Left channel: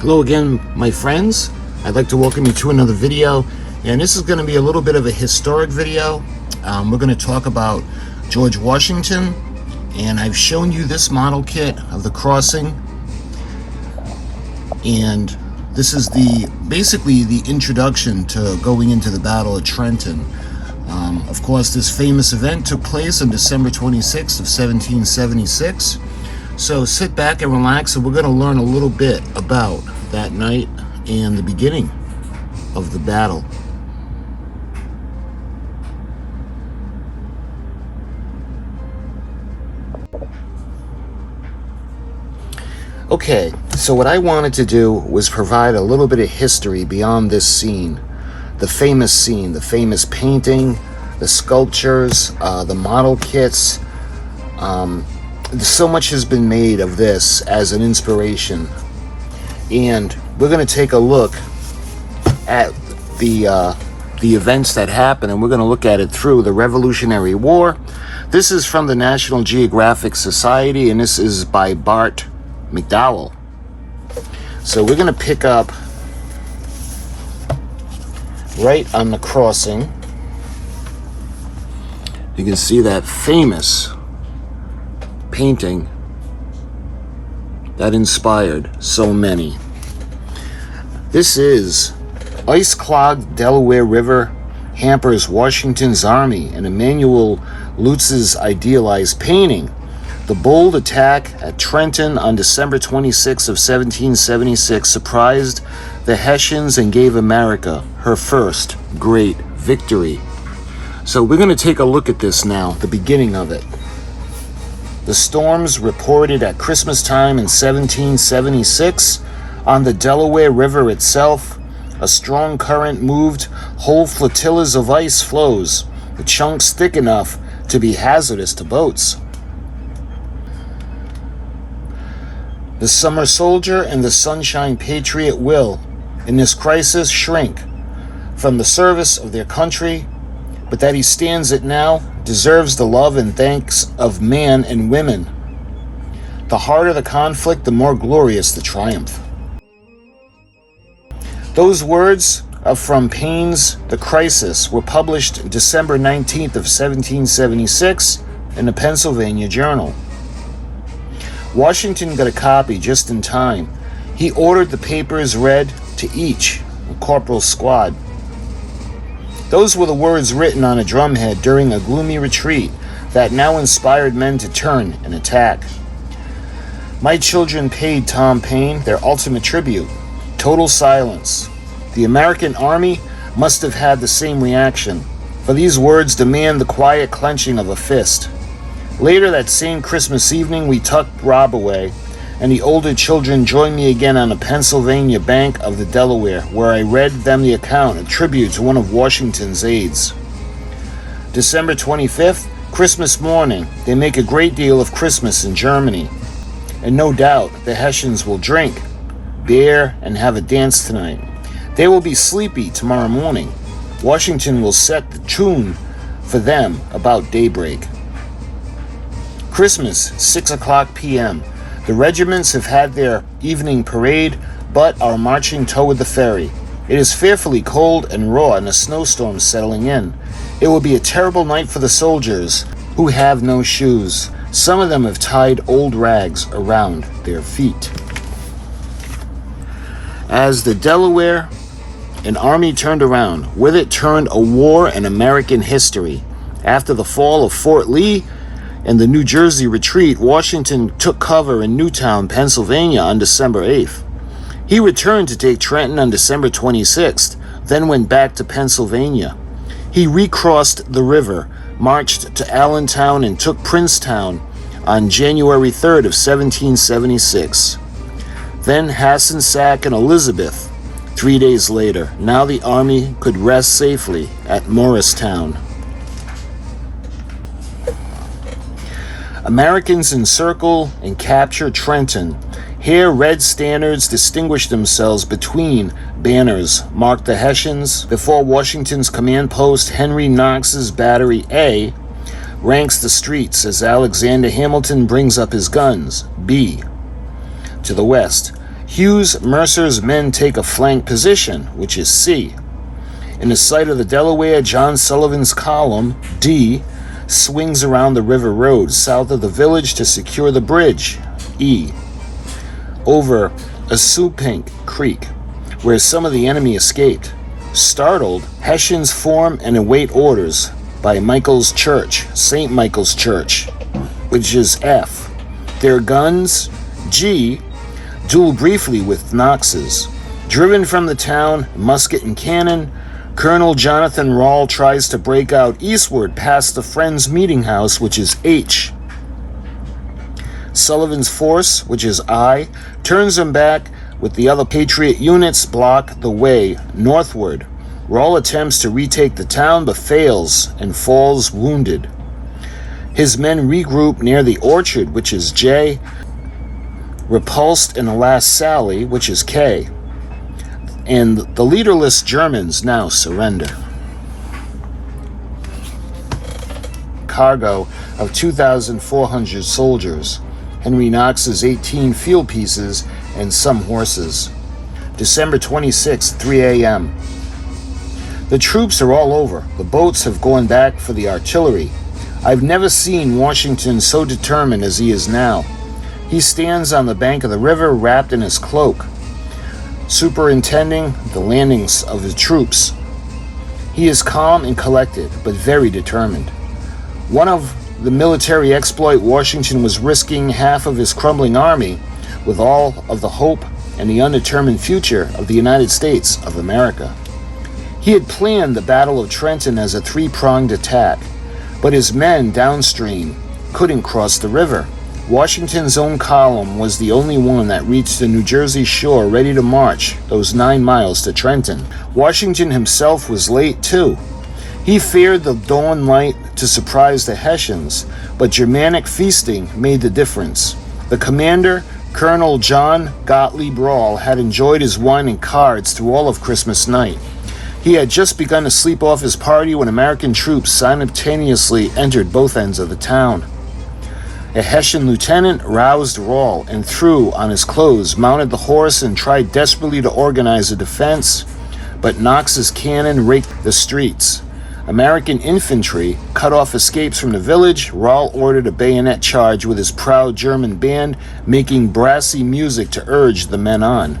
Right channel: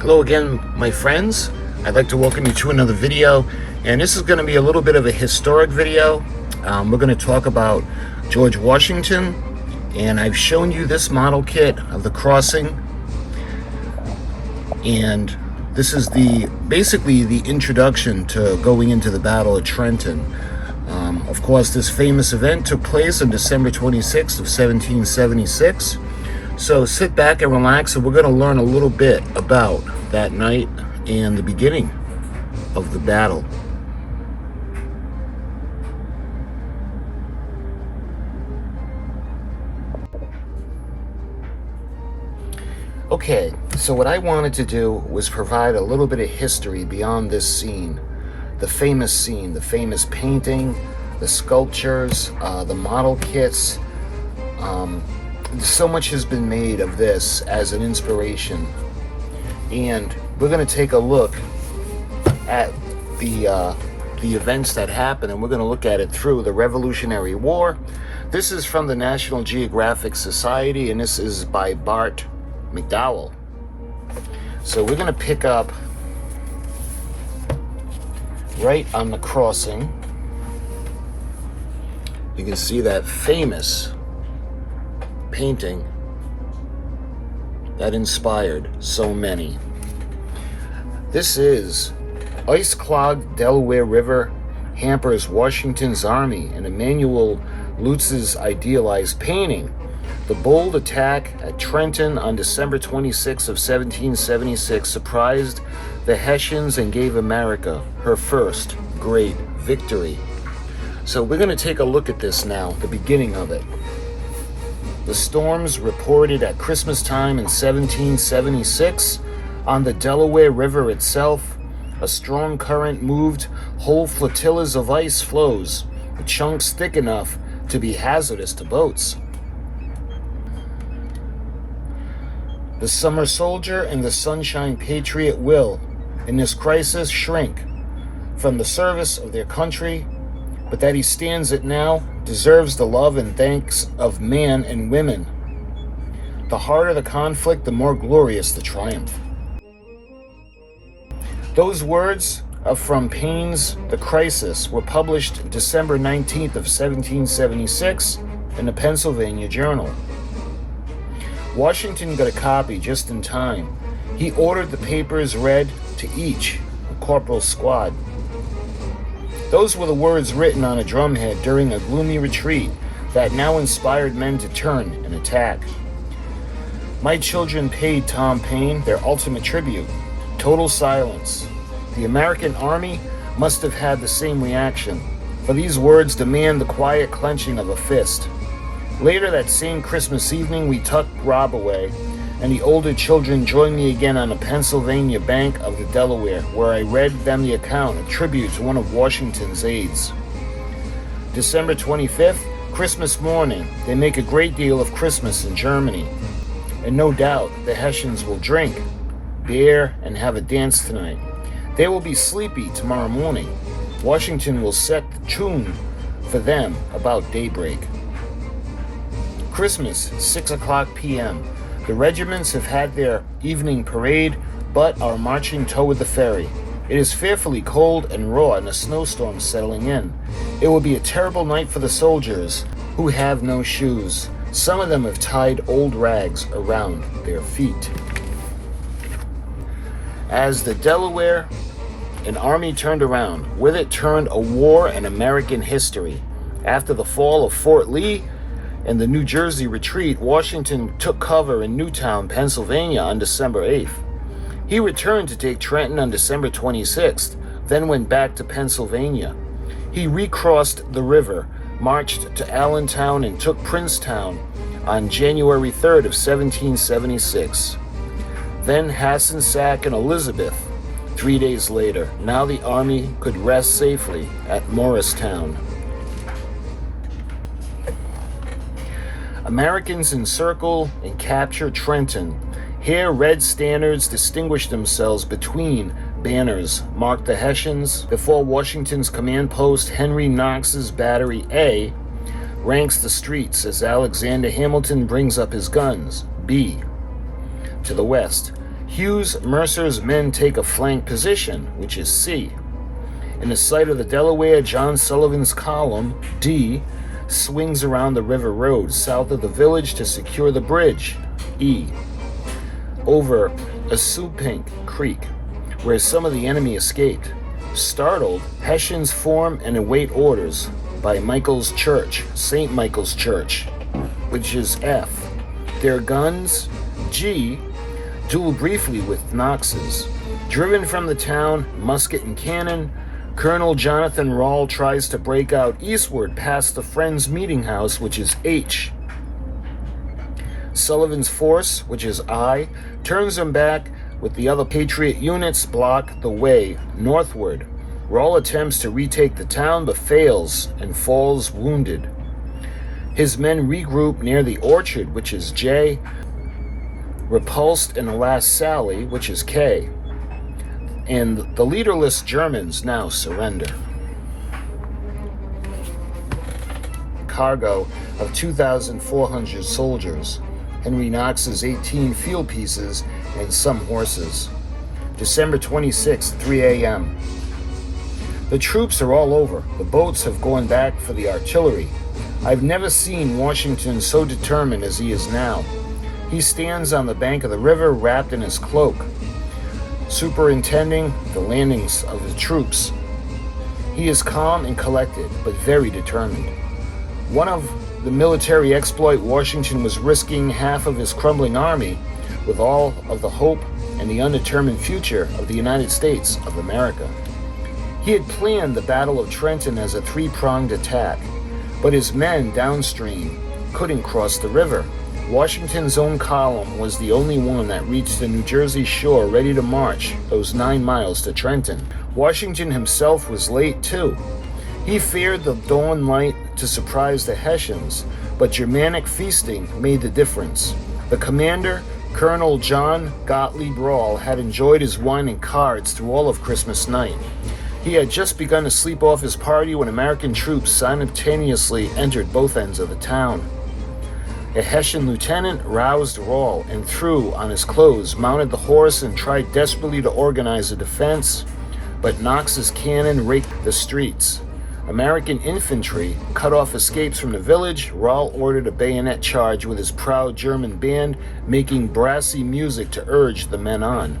Hello again, my friends. I'd like to welcome you to another video, and this is going to be a little bit of a historic video. We're going to talk about George Washington, and I've shown you this model kit of the crossing, and this is basically the introduction to going into the Battle of Trenton. Of course, this famous event took place on December 26th of 1776. So sit back and relax, and we're going to learn a little bit about that night and the beginning of the battle. Okay, so what I wanted to do was provide a little bit of history beyond this scene, the famous painting, the sculptures, the model kits. So much has been made of this as an inspiration, and we're going to take a look at the events that happened, and we're going to look at it through the Revolutionary War. This is from the National Geographic Society, and this is by Bart McDowell. So we're going to pick up right on the crossing. You can see that famous painting that inspired so many. This is ice-clogged Delaware River hampers Washington's army, and Emmanuel Leutze's idealized painting. The bold attack at Trenton on December 26 of 1776 surprised the Hessians and gave America her first great victory. So we're going to take a look at this now, the beginning of it. The storms reported at Christmas time in 1776 on the Delaware River itself. A strong current moved whole flotillas of ice floes, the chunks thick enough to be hazardous to boats. The summer soldier and the sunshine patriot will, in this crisis, shrink from the service of their country, but that he stands it now deserves the love and thanks of man and women. The harder the conflict, the more glorious the triumph. Those words are from Paine's The Crisis, were published December 19th of 1776 in the Pennsylvania Journal. Washington got a copy just in time. He ordered the papers read to each corporal's squad. Those were the words written on a drumhead during a gloomy retreat that now inspired men to turn and attack. My children paid Tom Paine their ultimate tribute. Total silence. The American army must have had the same reaction, for these words demand the quiet clenching of a fist. Later that same Christmas evening, we tucked Rob away, and the older children joined me again on the Pennsylvania bank of the Delaware, where I read them the account, a tribute to one of Washington's aides. December 25th, Christmas morning. They make a great deal of Christmas in Germany, and no doubt the Hessians will drink beer and have a dance tonight. They will be sleepy tomorrow morning. Washington will set the tune for them about daybreak. Christmas, 6 o'clock p.m. The regiments have had their evening parade, but are marching toward the ferry. It is fearfully cold and raw, and a snowstorm is settling in. It will be a terrible night for the soldiers, who have no shoes. Some of them have tied old rags around their feet. As the Delaware, an army turned around. With it turned a war in American history. After the fall of Fort Lee and the New Jersey retreat, Washington took cover in Newtown, Pennsylvania on December 8th. He returned to take Trenton on December 26th, then went back to Pennsylvania. He recrossed the river, marched to Allentown, and took Princetown on January 3rd of 1776. Then Hackensack and Elizabeth 3 days later. Now the army could rest safely at Morristown. Americans encircle and capture Trenton. Here, red standards distinguish themselves between banners, mark the Hessians, before Washington's command post, Henry Knox's Battery A, ranks the streets as Alexander Hamilton brings up his guns. B. To the west, Hughes Mercer's men take a flank position, which is C. In the sight of the Delaware, John Sullivan's column, D, swings around the river road south of the village to secure the bridge, E, over Assunpink Creek, where some of the enemy escaped. Startled, Hessians form and await orders by Michael's Church, St. Michael's Church, which is F. Their guns, G, duel briefly with Knox's. Driven from the town, musket and cannon, Colonel Jonathan Rawle tries to break out eastward past the Friends Meeting House, which is H. Sullivan's force, which is I, turns him back with the other Patriot units block the way northward. Rawle attempts to retake the town but fails and falls wounded. His men regroup near the orchard, which is J, repulsed in the last sally, which is K, and the leaderless Germans now surrender. Cargo of 2,400 soldiers, Henry Knox's 18 field pieces, and some horses. December 26, 3 a.m. The troops are all over. The boats have gone back for the artillery. I've never seen Washington so determined as he is now. He stands on the bank of the river wrapped in his cloak, superintending the landings of the troops. He is calm and collected, but very determined. One of the military exploit, Washington was risking half of his crumbling army with all of the hope and the undetermined future of the United States of America. He had planned the Battle of Trenton as a three-pronged attack, but his men downstream couldn't cross the river. Washington's own column was the only one that reached the New Jersey shore ready to march those 9 miles to Trenton. Washington himself was late too. He feared the dawn light to surprise the Hessians, but Germanic feasting made the difference. The commander, Colonel John Gottlieb Rawle, had enjoyed his wine and cards through all of Christmas night. He had just begun to sleep off his party when American troops simultaneously entered both ends of the town. A Hessian lieutenant roused Rawle and threw on his clothes, mounted the horse, and tried desperately to organize a defense, but Knox's cannon raked the streets. American infantry cut off escapes from the village. Rawle ordered a bayonet charge with his proud German band, making brassy music to urge the men on.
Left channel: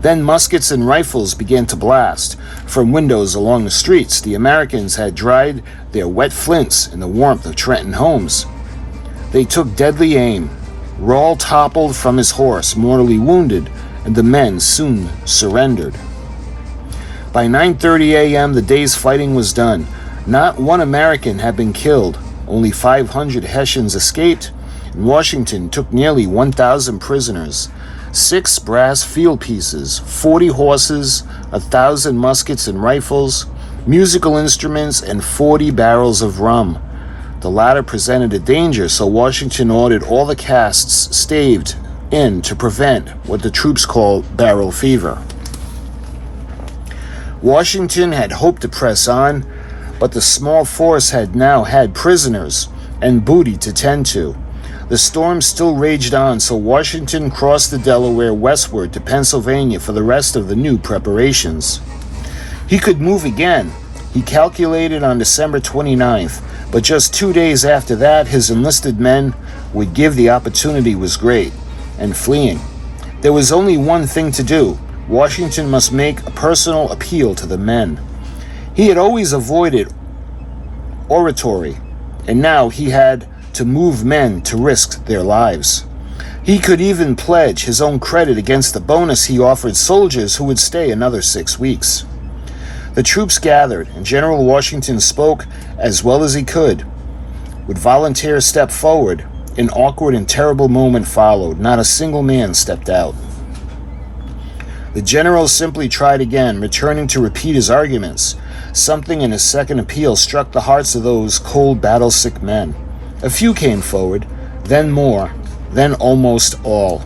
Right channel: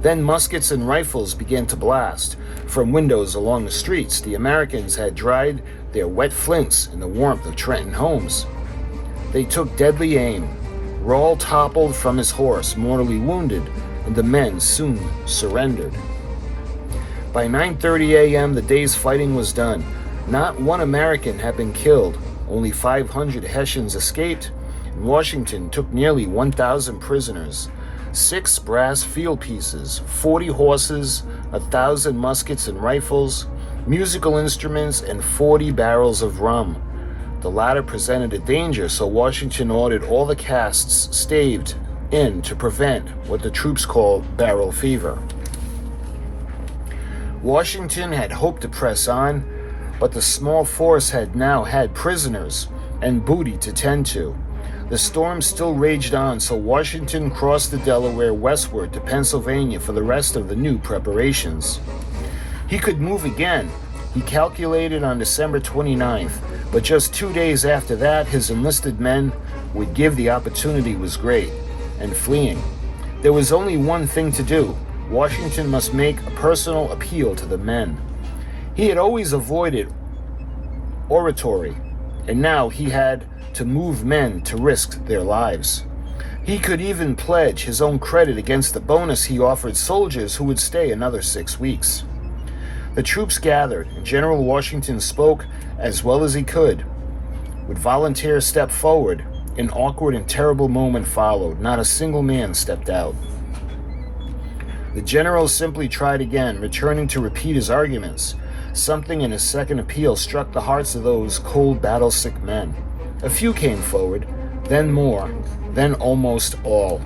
Then muskets and rifles began to blast from windows along the streets. The Americans had dried their wet flints in the warmth of Trenton homes. They took deadly aim. Rawle toppled from his horse, mortally wounded, and the men soon surrendered. By 9:30 a.m., the day's fighting was done. Not one American had been killed. Only 500 Hessians escaped, and Washington took nearly 1,000 prisoners. 6 brass field pieces, 40 horses, 1,000 muskets and rifles, musical instruments, and 40 barrels of rum. The latter presented a danger, so Washington ordered all the casks staved in to prevent what the troops call barrel fever. Washington had hoped to press on, but the small force had now had prisoners and booty to tend to. The storm still raged on, so Washington crossed the Delaware westward to Pennsylvania for the rest of the new preparations. He could move again, he calculated, on December 29th, but just 2 days after that, his enlisted men would give the opportunity was great, and fleeing. There was only one thing to do. Washington must make a personal appeal to the men. He had always avoided oratory, and now he had to move men to risk their lives. He could even pledge his own credit against the bonus he offered soldiers who would stay another 6 weeks. The troops gathered, and General Washington spoke as well as he could. Would volunteers step forward? An awkward and terrible moment followed. Not a single man stepped out. The general simply tried again, returning to repeat his arguments. Something in his second appeal struck the hearts of those cold, battle-sick men. A few came forward, then more, then almost all.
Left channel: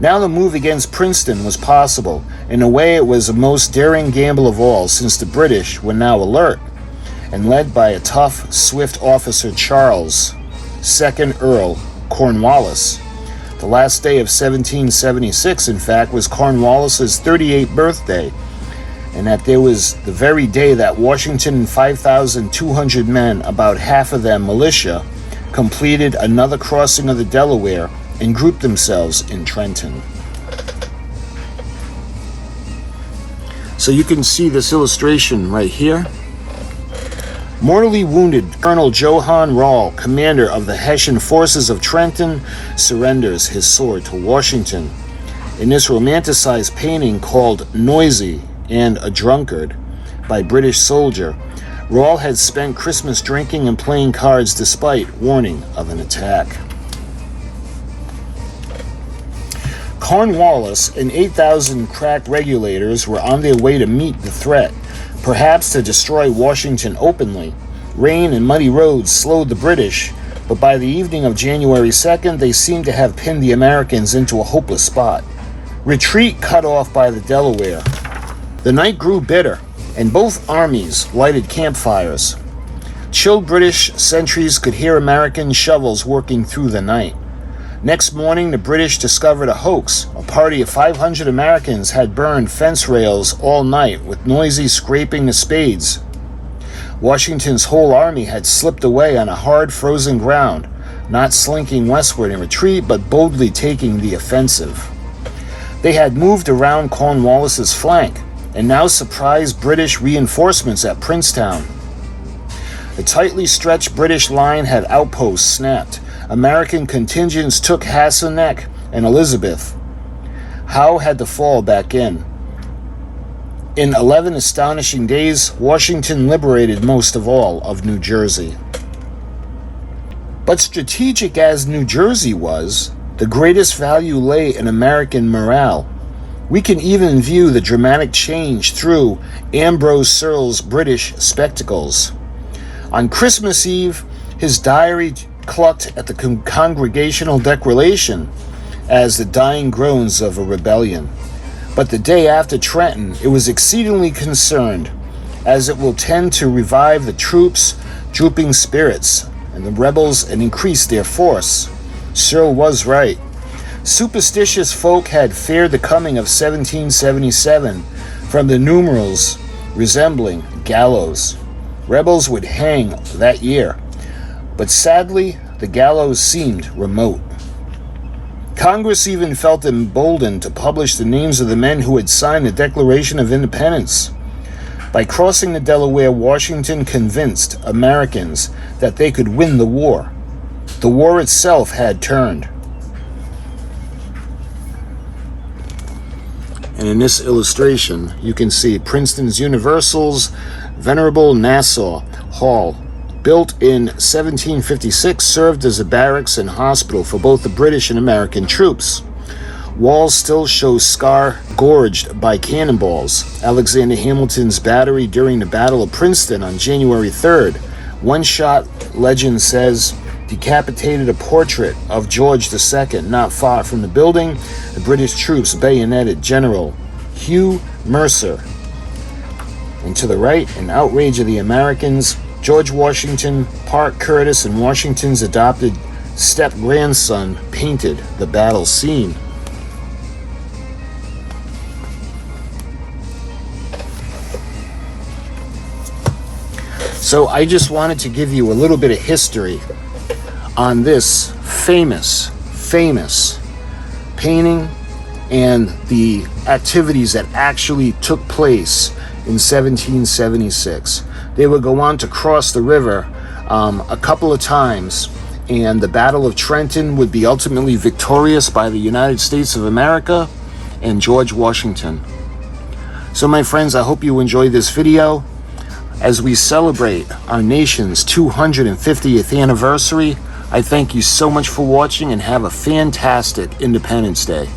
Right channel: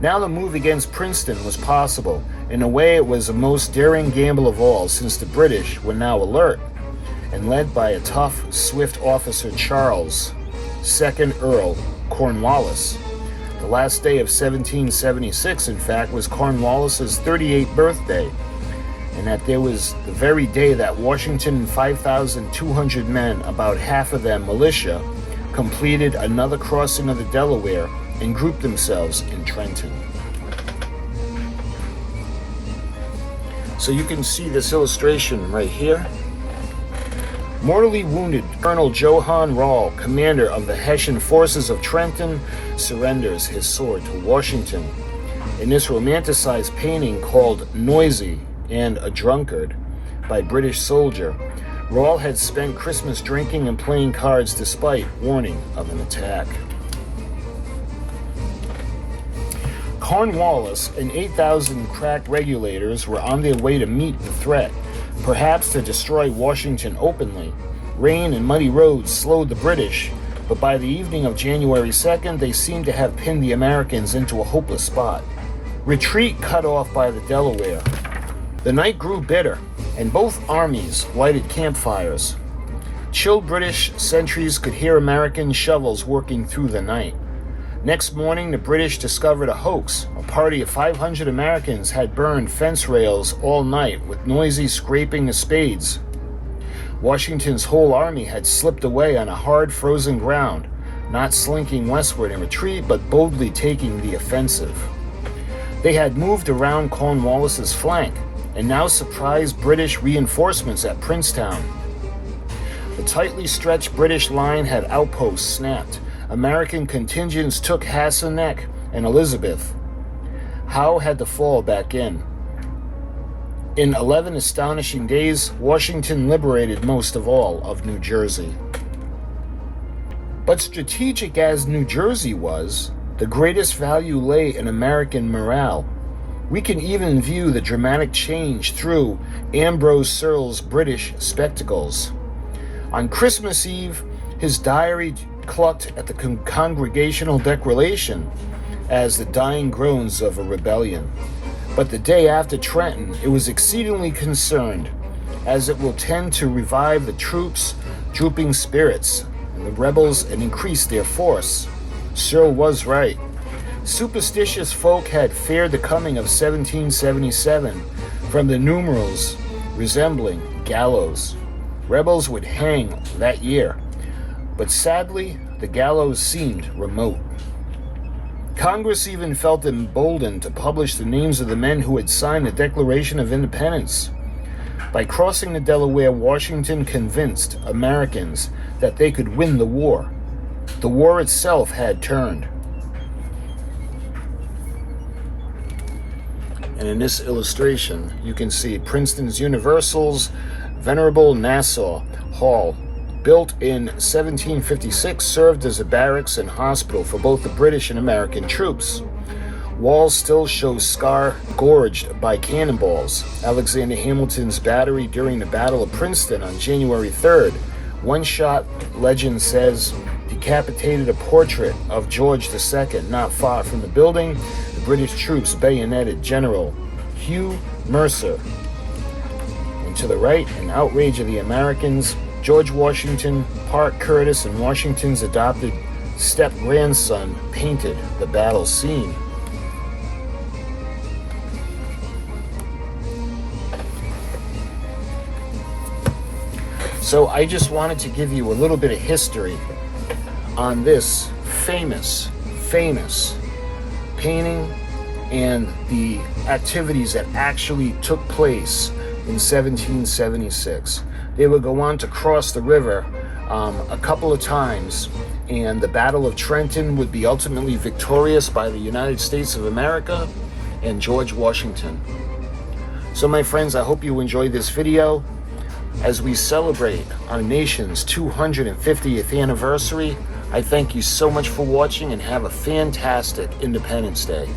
Now the move against Princeton was possible. In a way, it was the most daring gamble of all, since the British were now alert, and led by a tough, swift officer, Charles, 2nd Earl Cornwallis. The last day of 1776, in fact, was Cornwallis's 38th birthday, and that there was the very day that Washington and 5,200 men, about half of them militia, completed another crossing of the Delaware and grouped themselves in Trenton. So you can see this illustration right here. Mortally wounded Colonel Johann Rall, commander of the Hessian forces of Trenton, surrenders his sword to Washington. In this romanticized painting called Noisy and a Drunkard by British soldier, Rall had spent Christmas drinking and playing cards despite warning of an attack. Cornwallis and 8,000 crack regulators were on their way to meet the threat, perhaps to destroy Washington openly. Rain and muddy roads slowed the British, but by the evening of January 2nd, they seemed to have pinned the Americans into a hopeless spot. Retreat cut off by the Delaware. The night grew bitter, and both armies lighted campfires. Chilled British sentries could hear American shovels working through the night. Next morning, the British discovered a hoax. A party of 500 Americans had burned fence rails all night with noisy scraping of spades. Washington's whole army had slipped away on a hard frozen ground, not slinking westward in retreat, but boldly taking the offensive. They had moved around Cornwallis's flank, and now surprised British reinforcements at Princetown. The tightly stretched British line had outposts snapped. American contingents took Hasselneck and Elizabeth. Howe had to fall back in. In 11 astonishing days, Washington liberated most of all of New Jersey. But strategic as New Jersey was, the greatest value lay in American morale. We can even view the dramatic change through Ambrose Searle's British spectacles. On Christmas Eve, his diary clucked at the Congregational Declaration as the dying groans of a rebellion. But the day after Trenton, it was exceedingly concerned, as it will tend to revive the troops' drooping spirits and the rebels and increase their force. Searle was right. Superstitious folk had feared the coming of 1777 from the numerals resembling gallows. Rebels would hang that year. But sadly, the gallows seemed remote. Congress even felt emboldened to publish the names of the men who had signed the Declaration of Independence. By crossing the Delaware, Washington convinced Americans that they could win the war. The war itself had turned. And in this illustration, you can see Princeton's Universal's Venerable Nassau Hall, built in 1756, served as a barracks and hospital for both the British and American troops. Walls still show scar gorged by cannonballs. Alexander Hamilton's battery during the Battle of Princeton on January 3rd. One shot, legend says, decapitated a portrait of George II not far from the building. The British troops bayoneted General Hugh Mercer. And to the right, an outrage of the Americans, George Washington, Parke Curtis, and Washington's adopted step-grandson painted the battle scene. So I just wanted to give you a little bit of history on this famous painting and the activities that actually took place in 1776. They would go on to cross the river a couple of times, and the Battle of Trenton would be ultimately victorious by the United States of America and George Washington. So my friends, I hope you enjoyed this video. As we celebrate our nation's 250th anniversary, I thank you so much for watching and have a fantastic Independence Day.